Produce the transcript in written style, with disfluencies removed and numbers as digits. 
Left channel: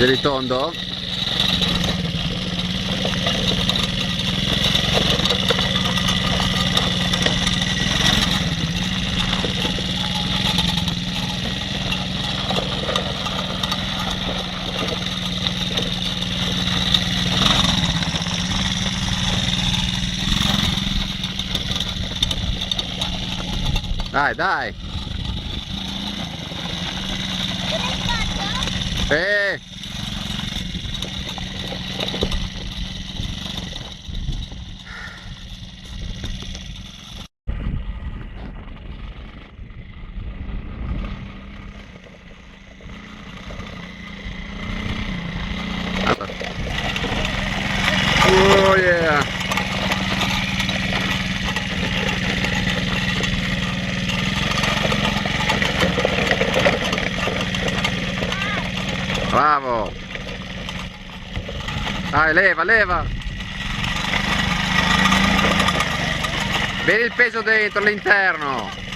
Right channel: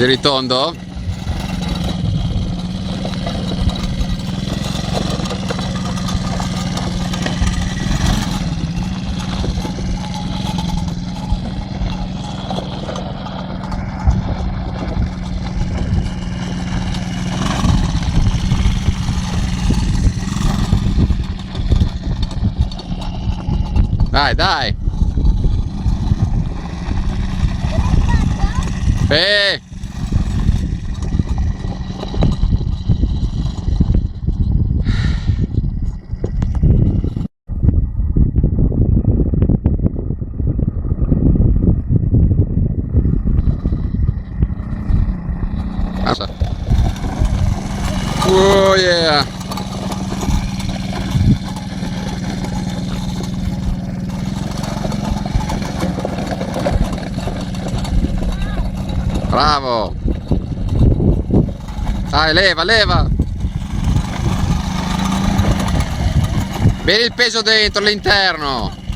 Giri tondo. Dai, dai. Eh. Oh yeah. Bravo. Dai, leva, leva. Vedi il peso dentro, all'interno.